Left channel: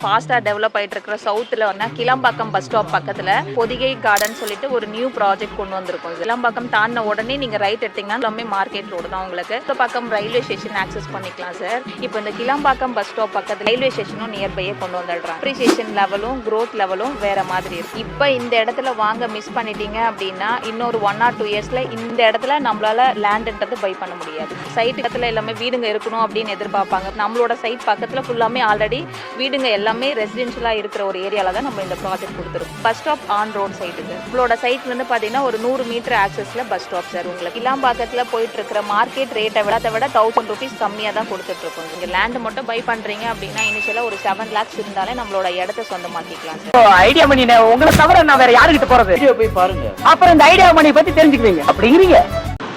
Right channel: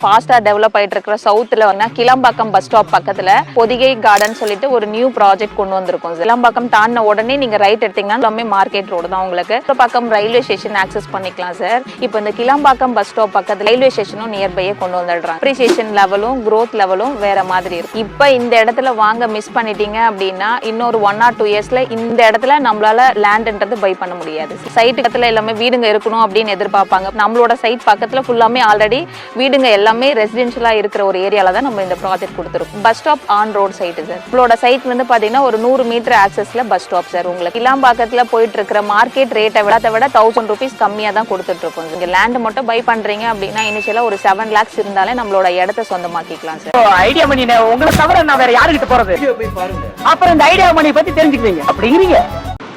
ஃபாஸ்டா டெவலப் ஆயிட்டு இருக்கிற சவுத்துல வந்து கிளம்பாக்கம் பஸ் ஸ்டாப் பக்கத்துல பொதிகை கார்டன் சொல்லிட்டு ஒரு நியூ ப்ராஜெக்ட் கொண்டு வந்திருக்கோம். கிளம்பாக்கம் தாண்டின உடனே நீங்க ரைட் எடுத்தீங்கன்னா எல்லாமே மார்க்கெட் ரோடு தான். உங்களுக்கு இந்த பக்கம் ரயில்வே ஸ்டேஷன் ஆக்சஸ் பண்ணிக்கலாம் சார். இப்போ இந்த கிளம்பாக்கம் பஸ் ஸ்டாப் பக்கத்துல ரயில்வே ஸ்டேஷனும் நியர்பையே கொண்டு வந்துடுறாங்க. அப்ரிசியேஷன் லெவலும் growth லெவலும் வேற மாதிரி இருக்கு. இப்போ இந்த இடத்துல வாங்க மிஸ் பண்ணிட்டீங்க அப்படின்னா இன்னொரு 1 or 2 இயர்ஸ்ல இந்த இடத்துல நம்மளால லேண்ட்ன்றது பை பண்ண முடியாது. சைட் பக்கத்துல எல்லாமே வீடுங்க இருக்கணும் அப்படின்னு எதிர்பார்ப்பாங்க. நம்மளோட சைட் பக்கத்துல ஃபுல்லாமே ஆல்ரெடி வீடுங்க எல்லாமே ரெசிடென்ஷியலா இருக்கிற ஒரு ஏரியால தான் நம்ம இந்த ப்ராஜெக்ட் கொடுத்துருக்கோம். Bus stop on road side sir. உங்களோட சைட்ல இருந்து பாத்தீங்கன்னா ஒரு 100 மீட்டர் ஆக்சஸ்ல பஸ் ஸ்டாப் சார். உங்களுக்கு கிளாம்பாக்கத்துல போயிட்டு இருக்கிற மார்க்கெட் ரேட்டை விட 1000 rupees கம்மியா தான் கொடுத்துட்டு இருக்கோம். நீங்க லேண்ட் மட்டும் பை பண்றீங்க அப்படின்னா இனிஷியலா ஒரு 7 lakhs இருந்தாலே நம்மளோட இடத்தை சொந்தமாக்கிக்கலாம் சார். ஐடியா மணி உங்களை தவிர நான் வேற யாருக்கிட்ட போறது? போய் பாருங்க, அப்புறம் இந்த ஐடியா மணி பத்தி தெரிஞ்சுக்கிறீங்க அப்படிங்கிறீங்க.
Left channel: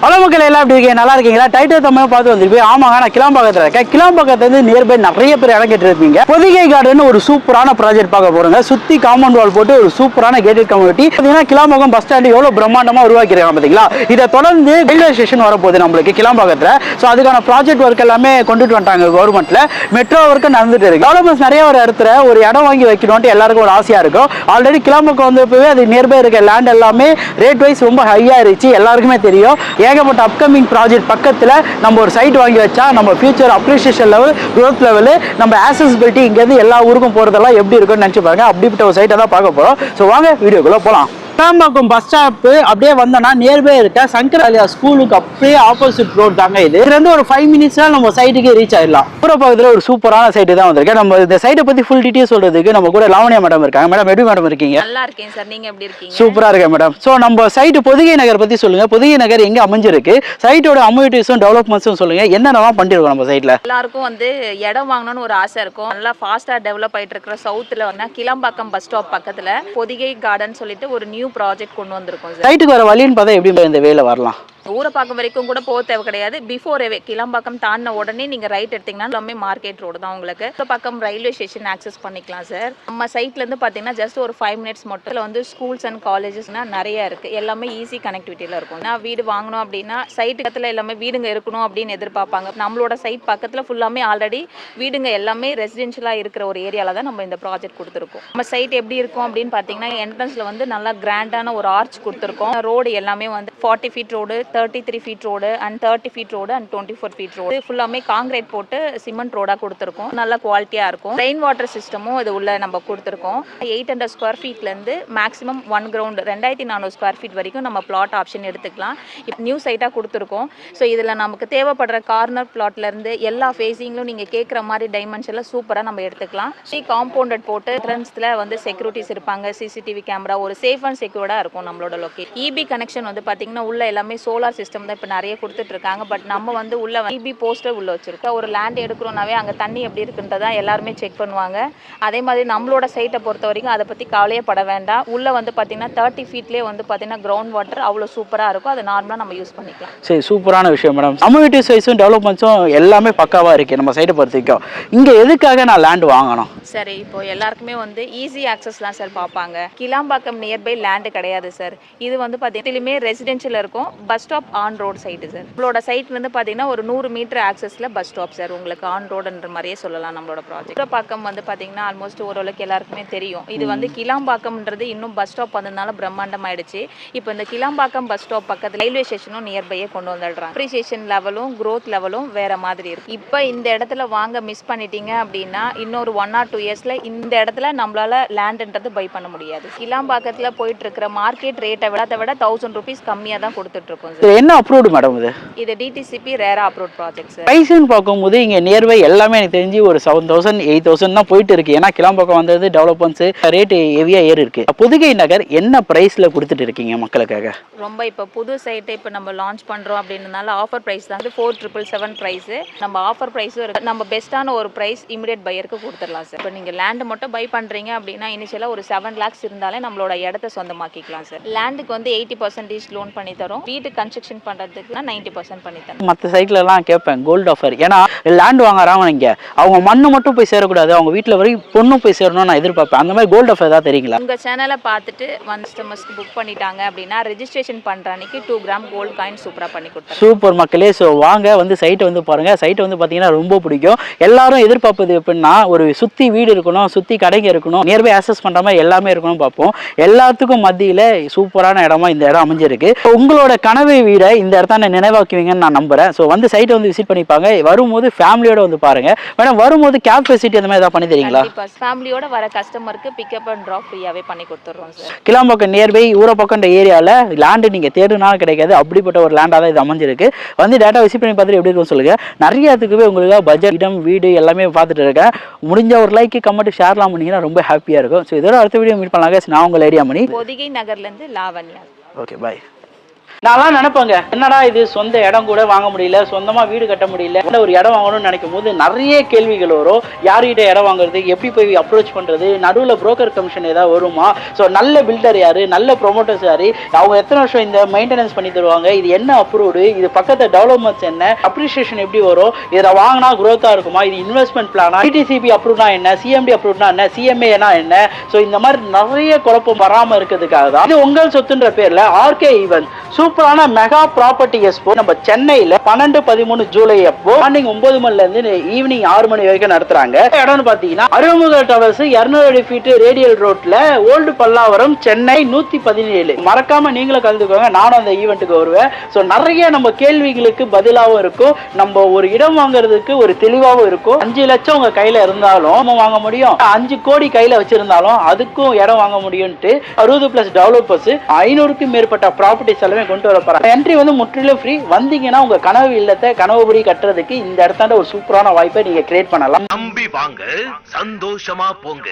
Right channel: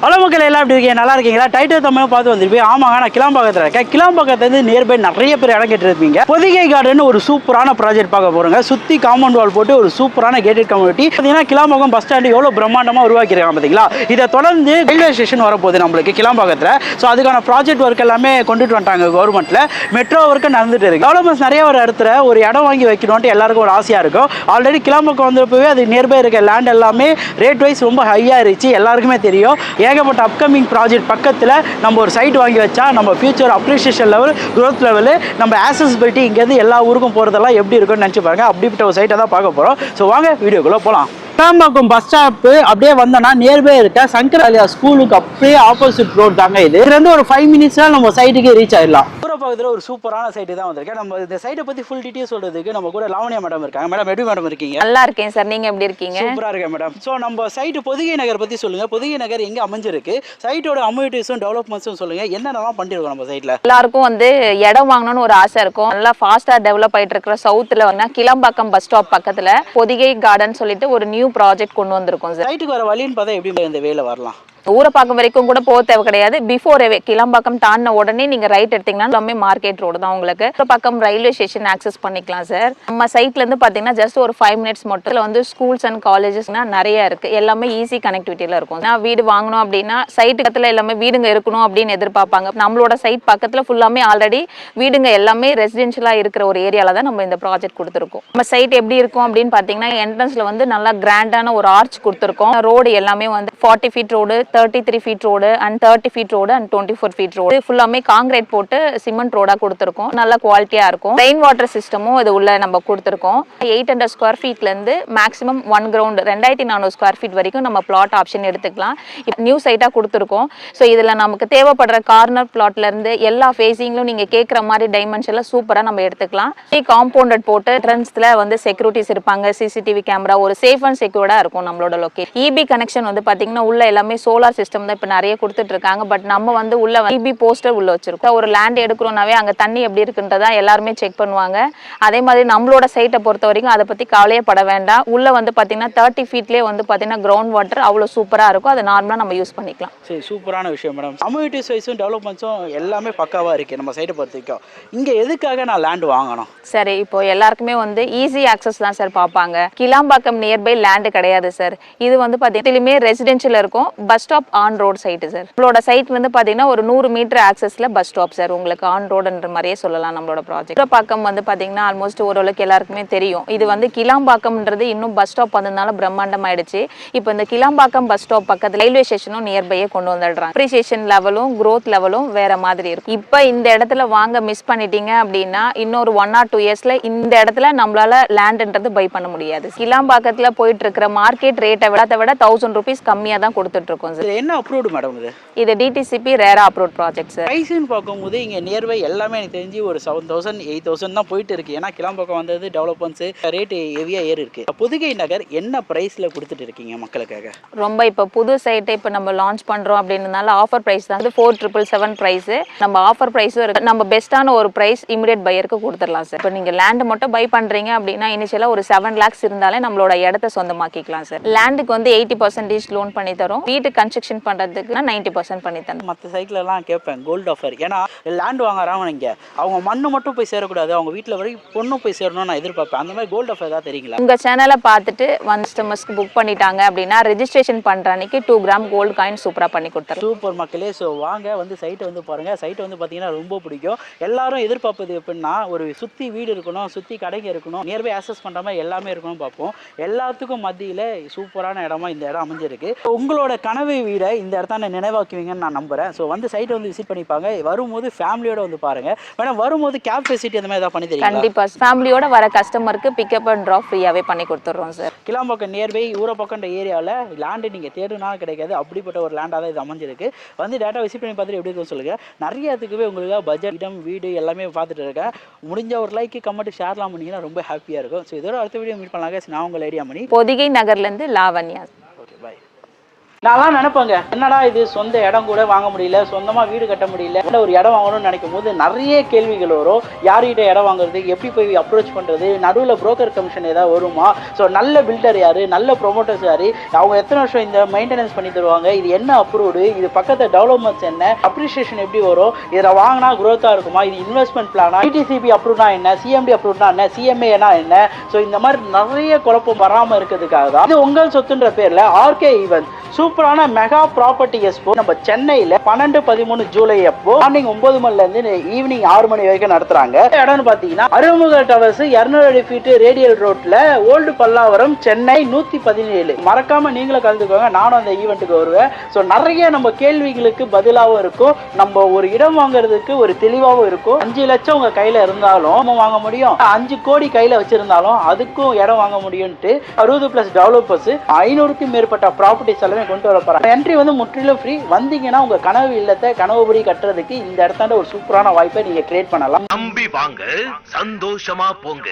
ஹலோ மக்கள், எல்லாம் எப்படி இருக்கீங்க? நல்லா இருக்கீங்களா? டைட்டில் தமிழ் பார்த்து வந்துருப்பீங்க. ஆமாங்க, நான் கிளாம்பாக்கத்தில் இருக்கேன். கிளாம்பாக்கத்துலேருந்து நியர்பை நிறைய பேர் இடம் கேட்டுருப்பீங்க. பொதிகை கார்டன் ஒரு சூப்பரான ப்ராஜெக்ட் பார்க்க போகிறோங்க. சுற்றி காம்பவுண்ட் வால் போட்டு ஒரு சூப்பரான கேட்டட் கம்யூனிட்டி. பார்த்தீங்கன்னா கிளாம்பாக்கம் பஸ் ஸ்டாண்டு எவ்வளோ பிரம்மாண்டமாக உருவாக்கிருக்காங்க பார்த்தீங்களா? இதை தொடர்ந்து ரயில்வே ஸ்டேஷன் வரப்போகுது நம்மளுக்கு கிளாம்பாக்கத்தில். ஸோ அதுக்கான ப்ராஜெக்ட் ஒர்க் எல்லாமே கொண்டுட்டு வந்துட்டாங்க கவர்மெண்ட்டில். மெட்ரோ ஒர்க்கு நடந்துட்டு இருக்கு. டெவலப்மெண்ட்ஸ் நிறைய ஒரு இடத்துல ஒரு இடம் வாங்கி வைக்கணும்ட்டு எல்லாருக்கும் ஒரு ஆசையாக இருக்கும். ஆல்ரெடி கிளாம்பாக்கம் வந்தப்பவே அது நியர்பை இருக்க லேண்ட் எல்லாமே ரேட் வைஸ் ரொம்ப ஹையாக இருந்துச்சு, எல்லாருக்குமே தெரியும். ஏகப்பட்ட அப்கமிங் ப்ராஜெக்ட் பக்கத்தில் நம்ம ஒரு சைட் வாங்கி வச்சா நம்ம future appreciation level, growth level, நம்ம ஆக்சசிபிலிட்டி இங்கேருந்து எல்லா ஊருக்கும் போகிறதெல்லாம் எப்படி இருக்குன்னு நினச்சி பாருங்க. அப்படிப்பட்ட ஒரு சைட்டை தான் பார்க்க போகிறோம். ஸோ வாங்க வீடியோக்குள்ளே போகலாம். கிளாம்பாக்கம் பஸ் ஸ்டாப்பு அப்படியே வந்தோன்னா நியர்பை இருக்க சங்கராலயா ஸ்கூலுக்கு அப்படியே ஆப்போசிட் ரோட் தாங்க இது. இதுலேருந்து ஒரு 5 minutesல நம்ம சைட்டுக்கு ரீச் ஆயிடலாம். பக்கத்தில் ஒரு சூப்பரான சைட்டு தான் வந்திருக்கேன். நம்ம இந்த சைட்டை பற்றி ஃபுல் டீட்டெயில் சொல்றதுக்கு நம்ம கூட லாவண்யா மேடம் இருக்காங்க. மேடம் எப்படி மேடம் இருக்கீங்க? நல்லா இருக்கேன் சார். நீங்க எப்படி இருக்கீங்க? சூப்பரா இருக்கேன் மேடம். ஸோ நம்ம சைட்டு பொதிகை நகர் பற்றி சொல்லுங்க. பொதிகை நகர் எங்கே அமைஞ்சிருக்கு, சைட்டோட அம்யூனிட்டிஸும் டெவலப்மெண்ட்ஸும் சொல்லுங்க. என்னென்னலாம் பண்ணிருக்கோம் நம்ம சைட்ல? எல்லாருக்கும் வந்து இடம் வாங்கணும்னு ஒரு ஆசை இருக்கும். நல்லா ஃபாஸ்டா டெவலப் ஆயிட்டு இருக்கிற சவுத்துல வந்து கிளம்பாக்கம் பஸ் ஸ்டாப் பக்கத்துல பொதிகை கார்டன் சொல்லிட்டு ஒரு நியூ ப்ராஜெக்ட் கொண்டு வந்திருக்கோம் சார். சைட்டுக்கு வர வழின்னு பார்த்தா எப்படி இந்த வேலை வரலாம்? ஊரப்பாக்கம் வரைக்கும் கூட போக தேவை கிடையாது. பிஃபோரே கிளம்பாக்கம் தாண்டின உடனே நீங்க ரைட் எடுத்தீங்கன்னா எல்லாமே மார்க்கெட் ரோடு தான். உங்களுக்கு ஊரப்பாக்கம் ரயில்வே ஸ்டேஷன் ஆக்சஸ் பண்ணிக்கலாம் சார். நம்ம சைட்ல இருந்து பாத்தீங்கன்னா ஜஸ்ட் ஒரு 5 minutes மட்டும் வந்து ஸ்கூல்ஸ் அண்ட் காலேஜஸ்னா நிறைய இருக்கு. எல்லாமே ஈஸி கனெக்டிவிட்டியில இருக்கும். நான் வீடு வாங்கணும் அப்படின்னா சைட் பக்கத்துல எல்லாமே வீடுங்க இருக்கணும் அப்படின்னு எதிர்பார்ப்பாங்க. நம்மளோட சைட் பக்கத்துல ஃபுல்லாமே ஆல்ரெடி வீடுங்க எல்லாமே ரெசிடென்ஷியலா இருக்கிற ஒரு ஏரியால தான் நம்ம இந்த ப்ராஜெக்ட் கொடுத்துருக்கோம். நம்ம சைட் எப்படி இருக்கும் அப்படின்னு பாத்தீங்கன்னா என்ட்ரன்ஸ்ல வந்து நல்லா கிராண்டான ஒரு ஆர்ச் கொடுத்துருக்கோம். ரோடு எல்லாமே வந்து 40 feet road, 33 feet road and 30 feet road and 24 feet road ஃபுல்லாமே காங்கிரீட் போட்டு சிமெண்ட் ரோடா கொடுத்துருக்கோம். நல்ல குவாலிட்டியா இருக்கும். ரெயின் வாட்டர் சிஸ்டமும் இது உள்ள நம்ம கொடுத்துருக்கோம். 800 square feetல இருந்து மேக்ஸிமம் 1 ground 2400 square feet வரைக்கும் நம்ம பிளாட் ஆப்ஷன் எடுத்துக்கலாம். இப்போ நியூ சைட்டா கொடுத்துருக்கோம். ஸோ இதுல நமக்கு தேவைப்படுற கார்னர் பிளாட்ல இருந்து எல்லா ஃபேஸிங்லும் நீங்க கேட்குற மாதிரி டைமென்ஷன்ல சூப்பரா நம்ம எடுத்துக்கலாம். காம்பவுண்டட் போட்டு என்ட்ரன்ஸ்ல வந்து செக்யூரிட்டிஸ் இருப்பாங்க, சிசிடிவி கேமரா, ஒரு சேஃப் அண்ட் செக்யூர்டா இருக்கும் நம்மளோட லொகேஷன். இபி கனெக்ஷன் வந்து பாத்தீங்கன்னா உள்ள எல்லாமே சோலார் சிஸ்டம் தான் இப்ப நிறைய கொடுத்துட்டு இருக்காங்க. பட் நம்ம வந்து உள்ள இபி போஸ்டர் உள்ள வச்சிருக்கோம். ஒரு லேண்ட் எடுக்கிறோம்னாவே அங்க தண்ணி எப்படி இருக்குன்றதா எல்லாருமே செக் பண்ணுவாங்க. அதே மாதிரி நம்மளோட சைட்டை பொறுத்த வரைக்கும் அதை பத்தி கவலையே பட வேண்டாம். உள்ள வந்து பாத்தீங்கன்னா 30 feetலயே வந்து பாத்தீங்கன்னா கிரவுண்ட் வாட்டர் அவ்வளவு சூப்பரா இருக்கும். அதை நார்மலா நம்ம யூஸ் பண்ணிக்கலாம். சரி, சூப்பரான விஷயம் மேடம். அம்யூனிட்டிஸ் வைஸும் டெவலப்மெண்ட்ஸும் எல்லாமே பக்காவா இருக்கு நம்ம சைட்டை பொறுத்த வரைக்கும். இங்க எதுக்காக நான் லேண்ட் வாங்கணும்? சரி, இப்போ எல்லாருக்குமே வந்து ஈஸி ஆக்சஸ் தான் சார் பார்ப்பாங்க. கிளாம்பாக்கம் நியர்பை லேண்ட் கிடையாது சார். இது வந்து பாத்தீங்கன்னா ரெசிடென்ஷியல் இருக்கும். Bus stop on road side sir. நம்மளோட சைட் வந்து பாத்தீங்கன்னா ஒரு 100 மீட்டர் ஆக்சஸ்ல பஸ் ஸ்டாப் சார். உங்களுக்கு ஆன் ரோடுன்ற மாதிரியே சொல்லலாம் நம்மளோட ப்ராஜெக்ட். ஊரப்பாக்கம் வந்து பாத்தீங்கன்னா ஆல்மோஸ்ட் ஓரளவுக்கு எல்லாருக்குமே தெரியும். இது வந்து கிளாம்பாக்கம்ன்றது இன்னும் பஸ் ஸ்டாப் வந்ததுனால பிரம்மாண்டம் ஆயிடுச்சு. இப்போ இந்த கிளாம்பாக்கம் பஸ் ஸ்டாப் பக்கத்துல ரயில்வே ஸ்டேஷனும் நியர்பையே கொண்டு வந்துடுறாங்க. அப்ரிசியேஷன் லெவலும் growth லெவலும் வேற மாதிரி இருக்கும். இப்போ இந்த இடத்துல வாங்க மிஸ் பண்ணிட்டீங்க அப்படின்னா இன்னொரு 1 or 2 இயர்ஸ்ல இந்த இடத்துல நம்மளால லேண்ட்ன்றது பை பண்ண முடியாது. கிளாம்பாக்கத்துல போயிட்டு இருக்கிற மார்க்கெட் ரேட்டை விட 1000 rupees கம்மியா தான் கொடுத்துட்டு இருக்கோம் சார். என்ன அப்ரூவ்டு மேடம் இது? இது டிடிசிபி ரேரா அப்ரூவ்ட் ப்ராஜெக்ட் சார். பிரைஸ்னு பார்க்கும்போது இங்க நியர்பை எல்லாமே எனக்கு தெரிஞ்சு ஒரு 7000 8000 தான் போயிட்டு இருக்கு. ஏன்னா கிளாம்பாக்கம் வந்தது டெவலப்மெண்ட்ஸ் ரேட் ஹெவியா ஏறி இருக்கு. பொதிகை நகர் என்ன பிரைஸ்ல கொடுத்துட்டு இருக்கீங்க மக்களுக்காக? ரொம்ப இப்போ புது சைட்டை இப்போ நம்ம லான்ச் பண்றோம் அப்படின்றதுனால ஆஃபர் பிரைஸ் தான் 4777 பிரைஸ். நம்ம ஆஃபர் பிரைஸும் இருக்கு. நம்ம பெஸ்ட்டான ஒரு பிரைஸ் இமிடியேட் பையருக்கு கொடுத்துடலாம் சார். இப்போ நீங்க லேண்ட் மட்டும் பை பண்றீங்க அப்படின்னா இனிஷியலா ஒரு 7 lakhs இருந்தாலே நம்மளோட இடத்தை சொந்தமாக்கிக்கலாம் சார். லேண்டுக்கு வந்து 80% லோன் பண்ணி தரோம். வீட்டு கன்ஸ்ட்ரக்ஷன் பண்றதுக்கு 90% பண்ணி தந்தோம். மற்ற சைட்ல எல்லாம் கேட்பேன் கோல்டு ஆஃபர், ஏன்னா லேண்ட் வாங்குறாங்க இங்க அவங்க மண்ணு மட்டும் போய் சேரக்கூடாது, அவங்க வீட்டுல வரை பொண்ணும் போய் சேரணும்னு நான் எதிர்பார்ப்பேன். அந்த மாதிரி கோல்டு ஆஃபர் தான் தெரியுங்களா? உங்க சேனலை பார்த்துட்டு கஸ்டமர்ஸ்க்கு புக் பண்ணிட்டாங்க அப்படின்னா ரெஜிஸ்ட்ரேஷன் பண்ற அன்னைக்கு 2 கிராம் கோல்டு காயின் சூப்பரா பண்ணி கொடுத்துருவோம். சூப்பர் மக்களே. ஸோ வாங்க வந்து சைட்டை வந்து பாருங்க. சைட்டை வந்து பார்த்தீங்கன்னா ரொம்ப பிடிக்கும். எல்லாரும் எதிர்பார்ப்பது எப்படின்னா ஒரு சுற்றி வீடு இருக்கணும், சுற்றி கடைங்க இருக்கணும், நியர்பை ஆக்சஸ் பண்ணுற மாதிரி எல்லாமே இருக்கணும் பார்ப்போம். எல்லாத்துக்கும் மத்தியில் சூப்பரான இடமா இந்த இடம் அமைஞ்சிருக்கு. உங்களோட கனவு வீடை இந்த இடத்த நினைவாக்குவீங்கன்னு நான் நம்புறேன். ஸோ வந்து சைட்டை வந்து விசிட் பண்ணிப்பாங்க. வரும்போது ஃபேமிலியோட வந்து பாருங்க. மேடம் வரும்போது கேப் ஃபெசிலிட்டி அந்த மாதிரி ஏதாவது பண்ணி தரீங்களா? கண்டிப்பா ஃபேமிலியோட வர கஸ்டமருக்கு பிக்கப் அண்ட் ட்ராப் ஃப்ரீயாவே பண்ணி கொடுத்துறோம் சார். கிளாம்பாக்கம் நியர்பை ஊரப்பக்கம் ஏரியாவில் லேண்டு நீங்கள் தேடுனாலும் கிடைக்காது, அப்படிப்பட்ட ஒரு லேண்டாக தான் இது அமைஞ்சிருக்கு. வந்து டேட்டா விசிட் பண்ணி பார்த்துட்டு எப்படி இருக்குன்னு சொல்லுங்க. நிறைய இதுக்குவே உங்களுக்கு பட்ஜெட், இடம், வீடு எல்லாமே பார்த்துட்டு இருக்கேன். முடிஞ்ச ஒரு லைக் கமெண்ட் ஷேர்லாம் பண்ணீங்கன்னா ரொம்ப ஹாப்பியாக இருக்கும். ஸோ இதோட அடுத்த வீடியோ மீட் பண்ணலாங்க. நான் உங்கள் ஐடியா மணி, பொதிகை நகர்லேருந்து லாவண்யா. Okay bye. நான்லாம் நினைப்பாங்க என்னடா இது சொந்த இடம் கூட வாங்க முடியல, சொந்தமா வீடு கட்ட முடியல, ஒரு இடம் வாங்கணும்னு நினைக்கும் போது நிறைய கேள்விகள் வரும். யார்கிட்ட இடம் வாங்குறது, எப்படி போய் அப்ரோச் பண்றது, நடுவில் புரோக்கர் கமிஷன் ஏதாவது வருமா, ஸோ நல்ல பில்டர் யாரு, நல்ல ப்ரொமோட்டர்ஸ் யாரு, அவங்க எத்தனை வருஷம் இந்த மெயின்டெனன்ஸ் பண்ணி தருவாங்க, இது என்ன அப்ரூவ்டு, இது பக்கத்து டெவலப்மெண்ட்ஸ் என்ன, அப்ரிசியேஷன் எப்படி வரும், இதை வாங்கினா குரோத்தா இருக்குமா, இது இன்வெஸ்ட்மெண்ட் பிளானா, டிடிசிபி அப்ரூவ்னா என்ன, சிஎம்டி அப்ரூவ்னா என்ன, சிஎம்ஏனா என்ன, ஸோ இந்த மாதிரி நிறைய குழப்பம் வராமல் இருக்கிறதுக்காக தான் இது உங்கள் சொத்துன்ற பேர்ல ஆர்கே ஈவென்ட் சூப்பரான மெகா ப்ராப்பர்ட்டி எக்ஸ்போ நம்ம சென்னையில 12-13 ஜூலை அப்போ மார்னிங் 9 மணில இருந்து ஈவினிங் 6 மணி வரைக்கும் நடத்துறாங்க. இடம்னு பாத்தீங்கன்னா அருமுக டவர்ஸ் 200 ஃபீட் ரேடியல் ரோட்ல ஓல்டு பல்லாவரம் சென்னை 117. மறக்காம நீங்களும் கலந்துக்கோங்க, நானும் அந்த ஈவெண்ட்டுக்கு வருவேன். ஸோ நிறைய நம்ம கேள்விகளுக்கு பதிலாகவும் இருக்கும், நம்ம ஒரு இடம் வாங்குறதுக்கு ஒரு தெளிவாகவும் இருக்கும். 5 லட்சம் உங்க கையில இருந்தாலும் வாங்க முடியும், 5 கோடி கையில வச்சிருந்தாலும் அதுக்கும் இடம் வாங்க முடியும்ட்டு 60+ டெவலப்பர்ஸ் 500க்கும் மேற்பட்ட ப்ராப்பர்ட்டிஸ் எல்லாமே கொண்டு வர. என்ட்ரி வந்து முற்றிலும் ஃப்ரீ. வந்தீங்கன்னா உங்க கனவு இல்லத்தை கனவுபடி கட்டுறதுக்கு இந்த இடத்தாண்ட ஒரு சூப்பரான வாய்ப்பை நீங்க கிரியேட் பண்ணலாம். நம்பி வாங்க, சந்தோஷமா போங்க.